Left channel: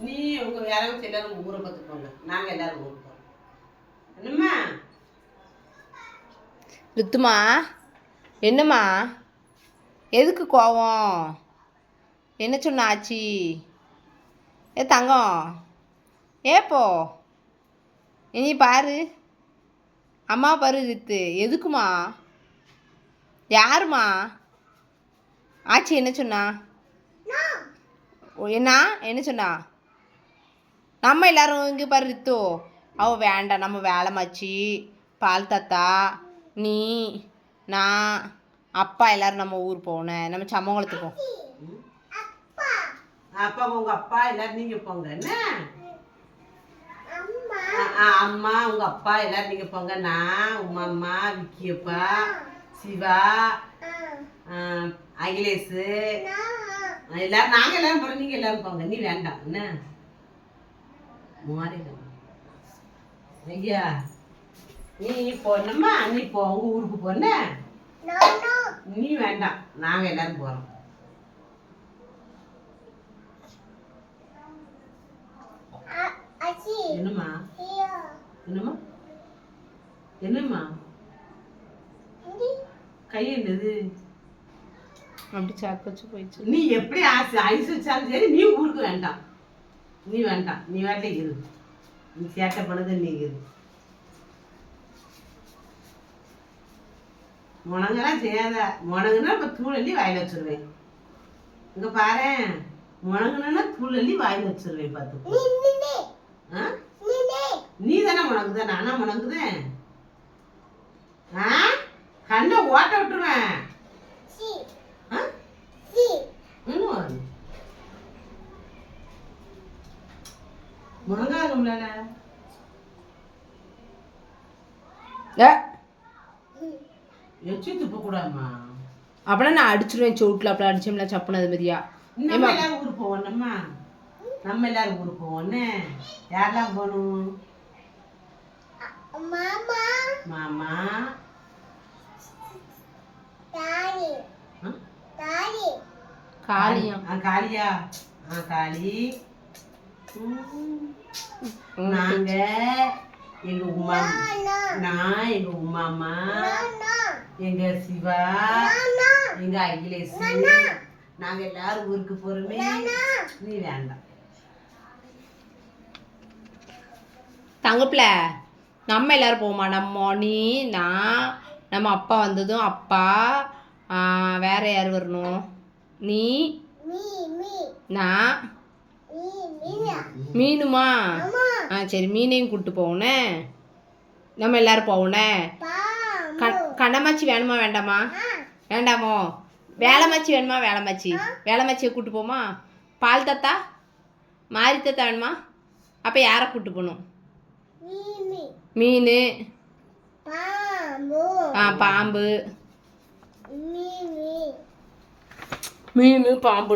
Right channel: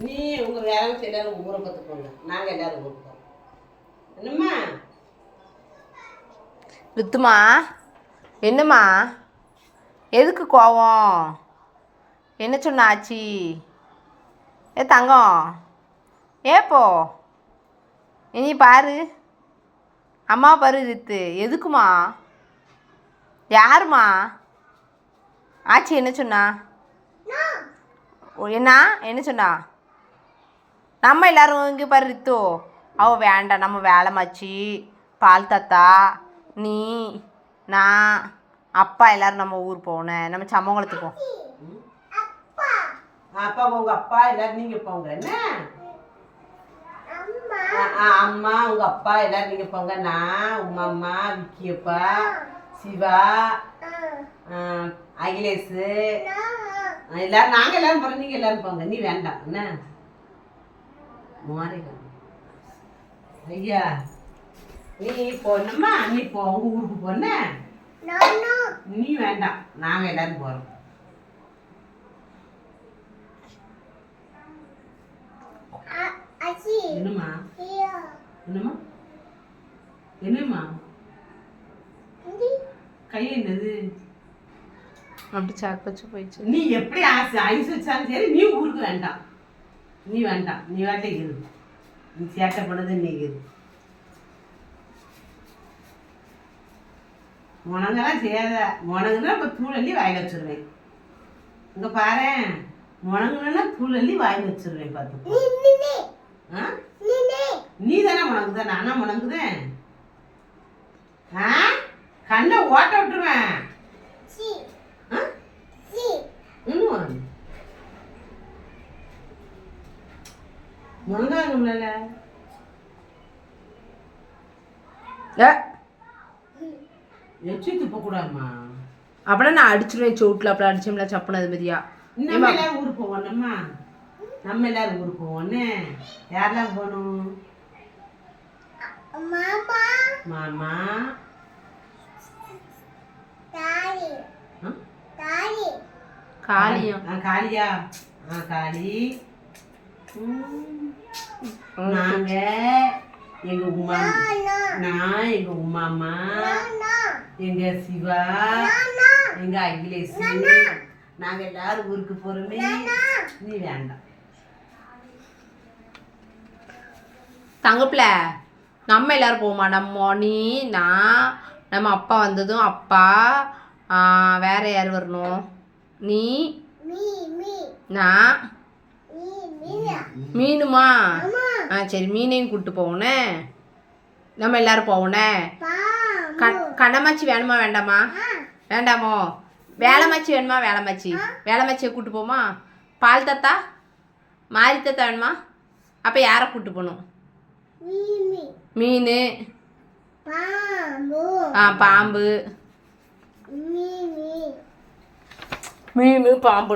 நீ உங்கள் வேலை எல்லாரும் ஊரை பார்த்து போங்க, நாங்கள் எல்லாரும் ஊருக்கு போகிறோம். என்னம்மா ருத்துமா? என்னம்மா? எதுக்கு கோவம்? என்ன சொன்ன ஆச்சி? ஏ தங்கம், ஏப்போ இனி பாரு, அம்மா பாரு. ரித்து எதுக்குமா? யாருமா? ஆச்சி என்ன சொன்னா? என்ன சொன்னா? நம்ம எல்லாரும் இங்கே பாரு ரித்து, அவள் வேண்டாம், நம்ம வேலைமாச்சி, பால் தாத்தா, நீ, நான், அப்பா எல்லாரும் நம்ம ஊர் போனேன், நம்ம சமங்குளத்துக்கு போ. அப்பா உங்கள் அப்பா எல்லாரும் நீங்கள் போங்க. என்ன அம்மா உங்கள் அப்பா எல்லாரும் நீங்கள் போங்க. நான் உமா அம்மா, விக்கியப்பா, சிவா, அகிலேஷ் எல்லாரும், நாங்கள் எல்லாரும் போகிறோம், நீங்கள் எல்லாரும் போங்க. நீ வேண்டாம். என்ன மாறிக்க ஐயா, நீ போனம்மா, நீ போ, உங்க ஊருக்கு போன. நீ வேண்டாம், நாங்கள் எல்லாரும் போகிறோம். என்னம்மா? என்னம்மா? என்னம்மா? கை என்னது? அப்படி சாக்கு வச்சு போயிடுச்சு. நீ எப்படி ஐஸ் வச்சாலும் சரி, நீ ஊருக்கு வேண்டாம். நீ வேண்டாம், நீ வேண்டாம் இரு. நீ சேட்டை பண்ணது நீ இரு. முனங்கெல்லாம் செய்யாத. முனங்குன்னா இப்போ தூள் அள்ளி வாயில் வச்சிருவேன். இங்கே பாரு, முனங்குனா தூள் அள்ளி வாயில் வச்சிருவேன். பார்த்து நீ தானே முனங்குத, நானா முனங்குதேன்? கண்ணை ஓட்ட விட்டுருவேன். முனங்காதும்ல எச்சி துப்பக்கூடாதுமா. அப்படின்னா நான் அடிச்சிருவேன் சோட்டில். அப்படி அடிச்சோம்ல சப்புனது மாதிரியா. நம்ம எல்லாரும் ஊருக்கு போவோம். நம்ம எல்லாரும் ஊருக்கு போவோன்னு. யாரெல்லாம் போகணும்? மாமா, மாமா, காளியம், காளியா, காளி, நாங்க எங்க உமா, நான் எங்க உமாமா, எங்க சிவா, எங்க அகிலேஷ், நாங்க எல்லாரும் ஊருக்கு போறோமே. நீ வேண்டாம். தங்கப்பில நம்ம எல்லாரும் போவோமா? நம்ம நீ, நான், நம்ம அப்பா வந்ததும் அப்பா, வேற யார் வரணும்? நீ, நான், மீனுமா? சரி, மீனையும் கூப்பிட்டு போகணே. நம்ம எல்லாரும் போகணே. கண்ணமாச்சி வேணுமா வேண்டாமா? வேண்டாமோ? வேலைமாச்சி வேணுமா? வேலைமாச்சியை கூப்பிட்டு போமா? பால் தாத்தா, மாரி தாத்தா வேணுமா? அப்போ யாரை கூப்பிட்டு போகணும்? மீன், பாம்பு, மீன் பாம்பு.